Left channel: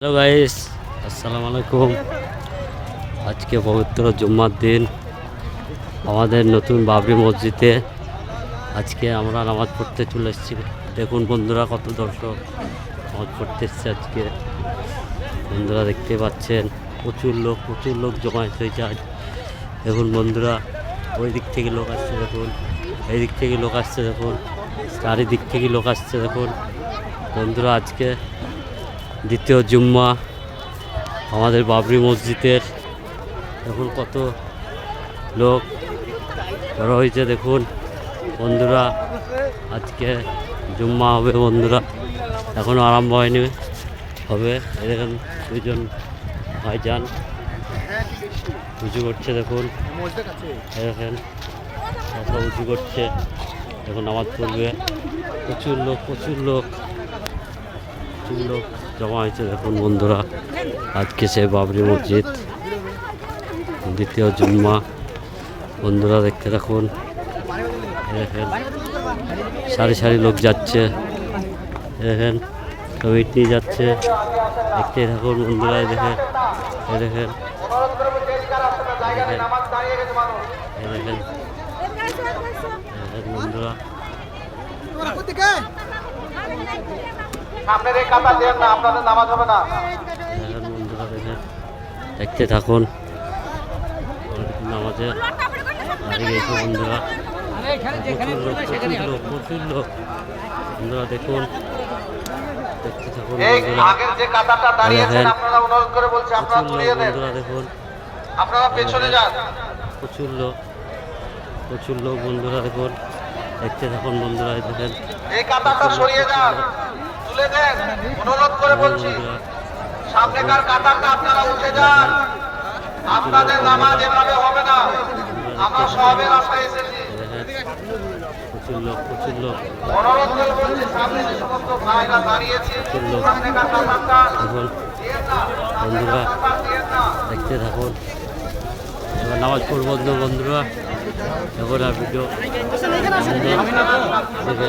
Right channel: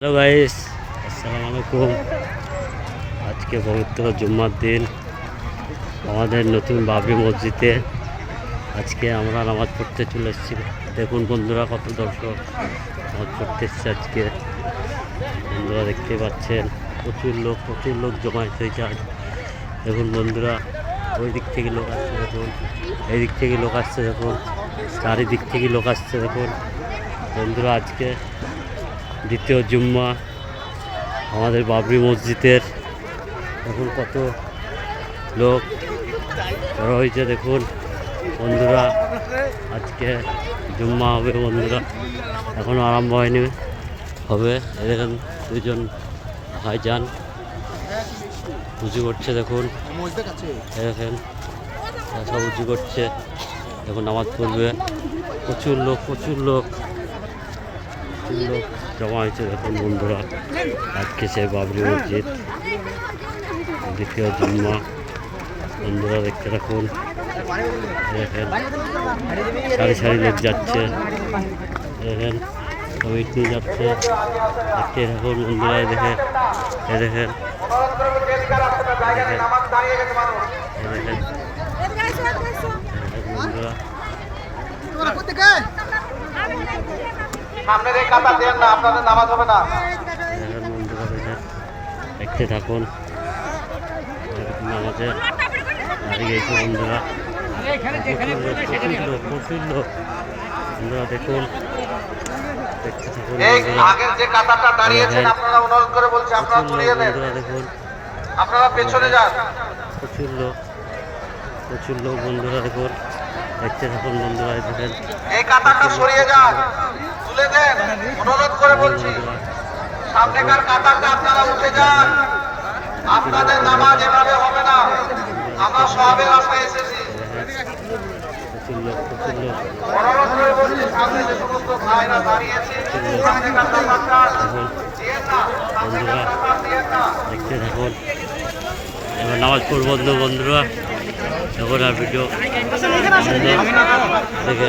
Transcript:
Hello guys আসসালামু আলাইকুম আজকে পবিত্র জুম্মার দিন, আমাদের নতুন বাবরি মসজিদে আজকে আমরা নামাজ পড়তে চলে এসেছি। দেখুন বন্ধুরা কত দর্শক নামাজ পড়তে এসছে আজকে। বন্ধুরা দেখতে পাচ্ছেন, প্রচুর লোক প্রচুর লোক জমায়েত হয়েছে আজ দেখুন বন্ধুরা, ওই দিক থেকে লোক আসছে, দেখুন। এই দিক থেকে লোক আসছে, দেখুন। চারিদিক থেকে লোক আসছে, দেখুন। বন্ধুরা, আজকে দ্বিতীয় জুম্মা, আমাদের বাবরি মসজিদের। দেখুন কত লোক জড়ো হয়েছে, দেখুন। বন্ধুরা, আজকে জুম্মা হবে বন্ধুরা। এখনও আরম্ভ হয়নি, হবে। দেখেন দুজন ভাইজান। উঁচু করছে, দেখুন। দেখেন সব উঁচু করছে। এখন নামাজ পড়বে। প্রচুর লোক প্রচুর লোক। লোক জমা হয়েছে। দেখুন বন্ধুরা, আজকে সে বাবরি মসজিদ, দ্বিতীয় জুম্মা। বন্ধুরা, দেখতে থাকুন। দেখেন, সারি সারি লোক যাচ্ছে। দেখেন কমিটি যাচ্ছে। দেখতে থাকুন বন্ধুরা দেখেন দেখেন দেখেন দেখেন দেখেন বন্ধুরা। সামনের এই কাতা দেন না আপনাদের নামাজ হবে না। বন্ধুরা দেখেন দেখতে থাকুন। আমাদের দাঁড়িয়ে গেছে বন্ধুরা। প্রচুর লোক প্রচুর লোক। প্রচুর লোক বন্ধুরা দেখুন দেখতে থাকুন বন্ধুরা। দেখেন। প্রচুর লোক বন্ধুরা দেখুন। প্রচুর লোক প্রচুর লোক বন্ধুরা দেখুন। দেখতে থাকুন বন্ধুরা দেখেন। এই কাতারটা সরিয়ে যান। তুলে দেন। অনুরোধ করে বলছি সামনেকার কাতারটা আপনারা উঠে যান। আপনাদের নামাজ এভাবে হবে না। আমরা সবের আশায় এসেছি। দেখেন লোক অনুরোধ করে বলছি সামনে যে সমস্ত ভাইরা দাঁড়িয়েছে সামনেকার কাতারটা এখন দিয়েন না বন্ধুরা কাতার দিয়েন না। দেখতে থাকুন। এবার নামাজ পড়ব বন্ধু বন্ধুরা। এখন আর ভিডিও দেখে।